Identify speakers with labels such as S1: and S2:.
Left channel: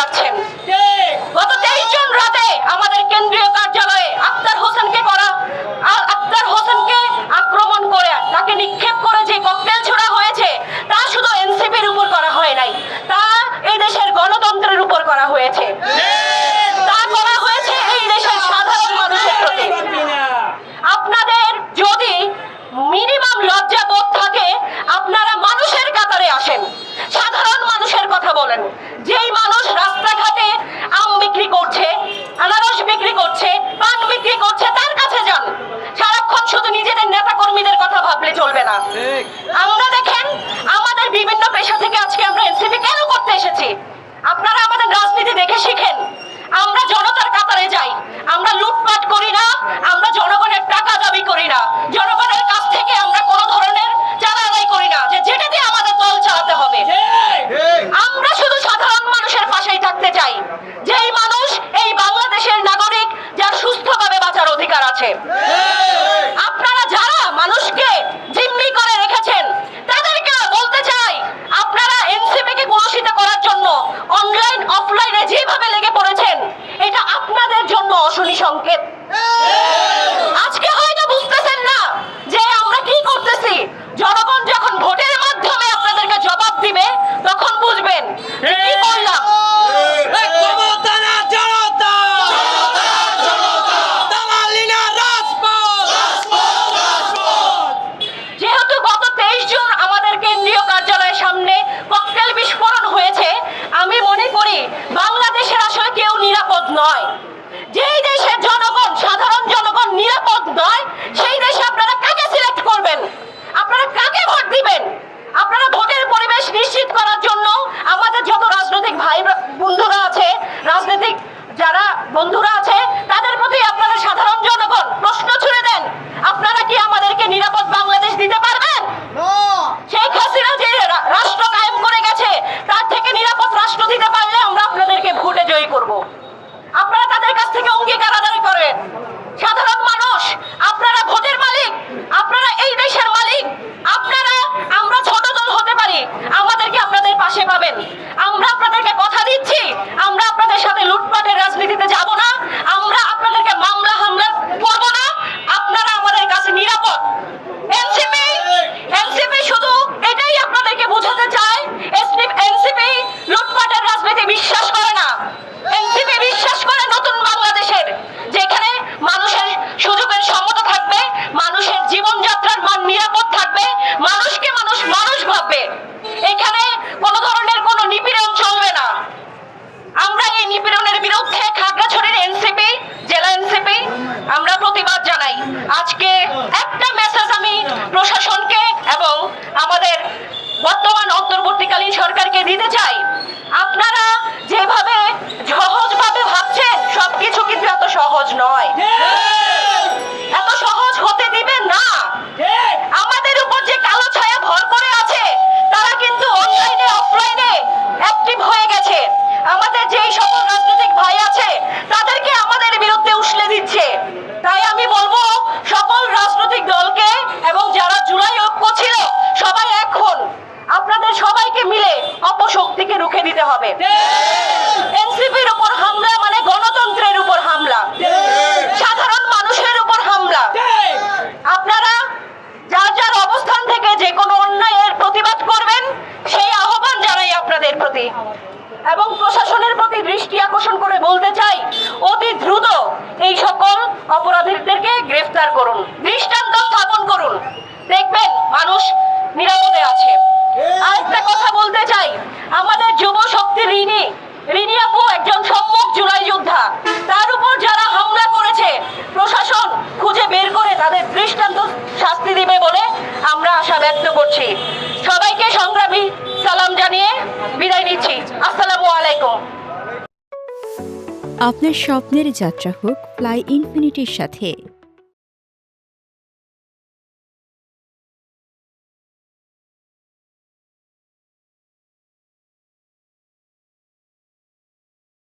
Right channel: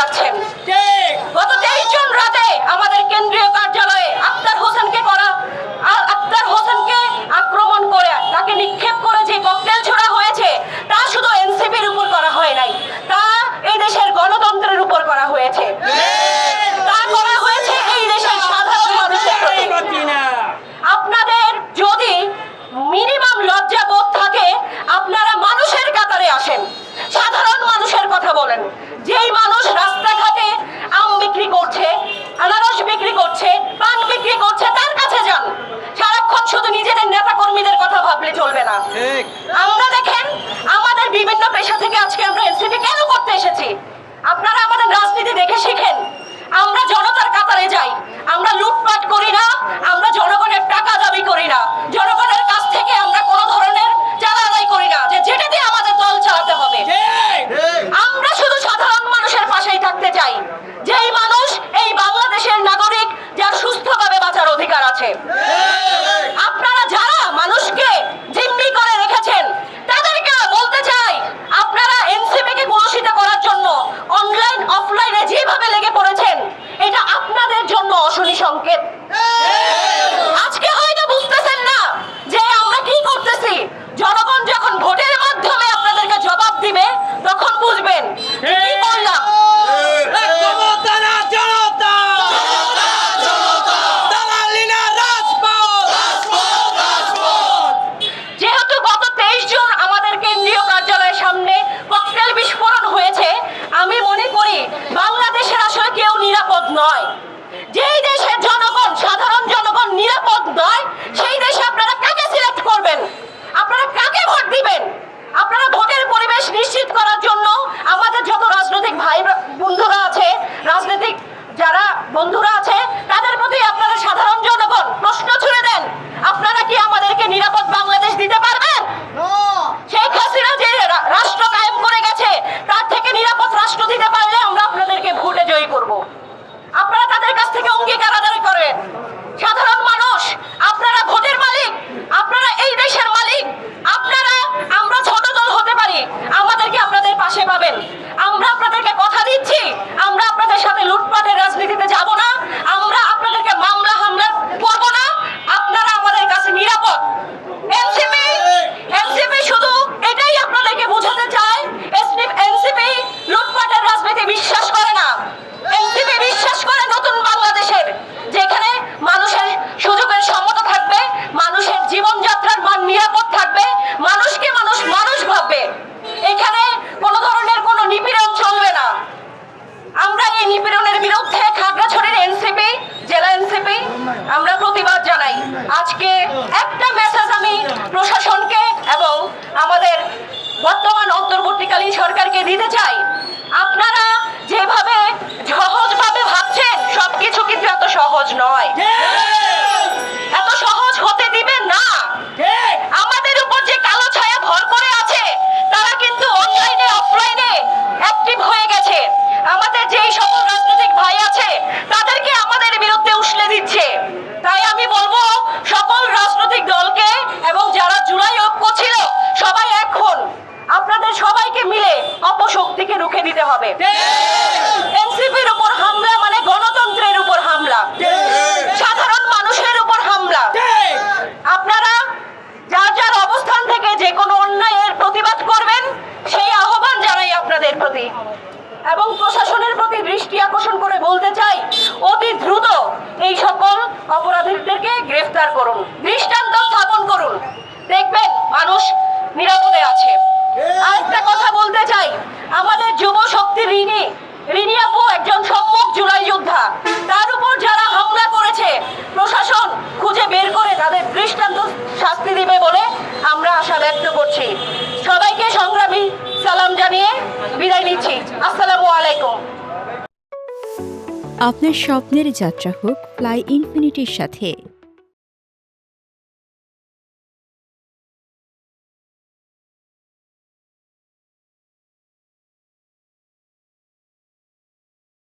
S1: যাচ্ছেন। গত তেইশ জন রাতে আমাদের কেন্দ্রীয় কার্যালয়ে আক্তার হোসেনকে করা আক্তার হোসেনকে আক্রমণ করে তাকে নিক্ষেপ করে যে ককটেল ছোড়া হয়েছে, তা শুধু এনসিপির উপর করা হয় নাই। তা এই দেশের গণতন্ত্রের উপর করা হয়েছে। তা করা হয়েছে এই দেশের সাধারণ মানুষের প্রতি। আপনাদের যদি মিনিমাম লজ্জা বোধ থাকে, আপনারা মানুষের কাতারে আসেন। সাধারণ মানুষের কথা বলেন। যেই মানুষ করছে আনারস বিক্রি করছে পান বিক্রি করছে তার কাছে যান। সারাক্ষণ শুধু নিজেদের নেতা কর্মীদের কথা ভাবলে চলবে না। আমরা দেখেন আমাদের বিভিন্ন পেশা থেকে আজকে আমরা এনসিপি কেন করতে এসেছি? আপনারা আমাদের রাজনীতি দেখে শিখেন। আমরা জনতার কাতারে যাই। আমরা লুটপাট করি না আমরা জনগণের টাকা দাবি করি না। জনগণের আছে আপনারা যারা মানুষকে জিম্মি করে রেখেছেন তাদেরকে বলতে চাই আপনারা এনসিপি কে কলুষিত করার জন্য অনলাইন অফলাইনে যেভাবে লেগে পড়েছেন এটা আপনাদের জন্য অশনি সংকেত আজকে হয়তো বুঝতেছেন না যে আমরা কি করতেছি জনগণ যখন ভোটের মাধ্যমে আপনাদেরকে জবাব দিবে তখন বুঝবেন যে কি করলাম
S2: ক্ষমতা না জনতা দালালি না রাজপথ
S1: যেহেতু গত তেইশ জন আমাদের কেন্দ্রীয় কার্যালয়ের সামনে ককটেল বিস্ফোরণ হয়েছে আমি মনে করি বাংলাদেশের আসলে কেউ নিরাপদ নয়। যেই দেশের জনগণ সাধারণ জনগণ নিরাপদ নয় সেই দেশে আপনারা কাকে সিলেক্ট করবেন? আপনারা কাকে ভোট দিবেন? আপনারা ভোটের পরিবেশ নিশ্চিত করার জন্য আমাদের যত রাজনৈতিক ভাই বন্ধুরা আছে রাজনৈতিক যারা বন্ধুরা আছে তাদের প্রতি আপনারা সাধারণ জনগণ প্রশ্ন ছুড়ে দেন আপনারা কি আমাদেরকে নিরাপদ বাংলাদেশ দিতে পারবেন? শেখ হাসিনা যে রাষ্ট্র কায়েম করে গেছে তার থেকে নিরাপদ রাষ্ট্র দিতে পারলে আমরা আপনাদেরকে ভোটে জয়ী করব। থেকে অঙ্গীকার আদায় করেন সাধারণ মানুষ আপনারা ভোটের মালিক আপনারা প্রশাসনকে এবং আমাদের বর্তমান অন্তর্বর্তীকালীন সরকারকে দিতে চাই। আপনারা যেভাবে সহজভাবে অপশক্তিকে দিতে হবে। এনসিপির উপর হামলা মানে গণতন্ত্রের উপর হামলা। সাধারণ মানুষের উপর হামলা। আপনারা যার যার অবস্থান থেকে যে কোনো অন্যায়ের প্রতিবাদ করবেন, সেই আহ্বান জানাই আপনাদের প্রতি। এবং প্রশাসনের প্রতি দৃষ্টি আকর্ষণ করে বলতে চাই, অতি দ্রুত এই সকল অপরাধীদেরকে গ্রেফতার করুন, দৃষ্টান্ত স্থাপন করুন। দেখবেন মানুষ নিরাপদে আছে আরেকটা কথা বলতে চাই আমাদের যুব শক্তি ঋণী ঋণী আপু জুড়াই যোদ্ধা। তার উপর যারা হামলা করেছে, প্রশাসন খুঁজে বের করে তাদের দৃষ্টান্ত শাস্তি দিবে বলে আমরা আশা ব্যক্ত করছি। সবাইকে সংগ্রামী সালাম জানিয়ে বিদায় নিচ্ছি। আসসালামু আলাইকুম।
S3: আপনার স্বপ্নের যাত্রা হোক ফ্লাই ইনফিনিটির সাথে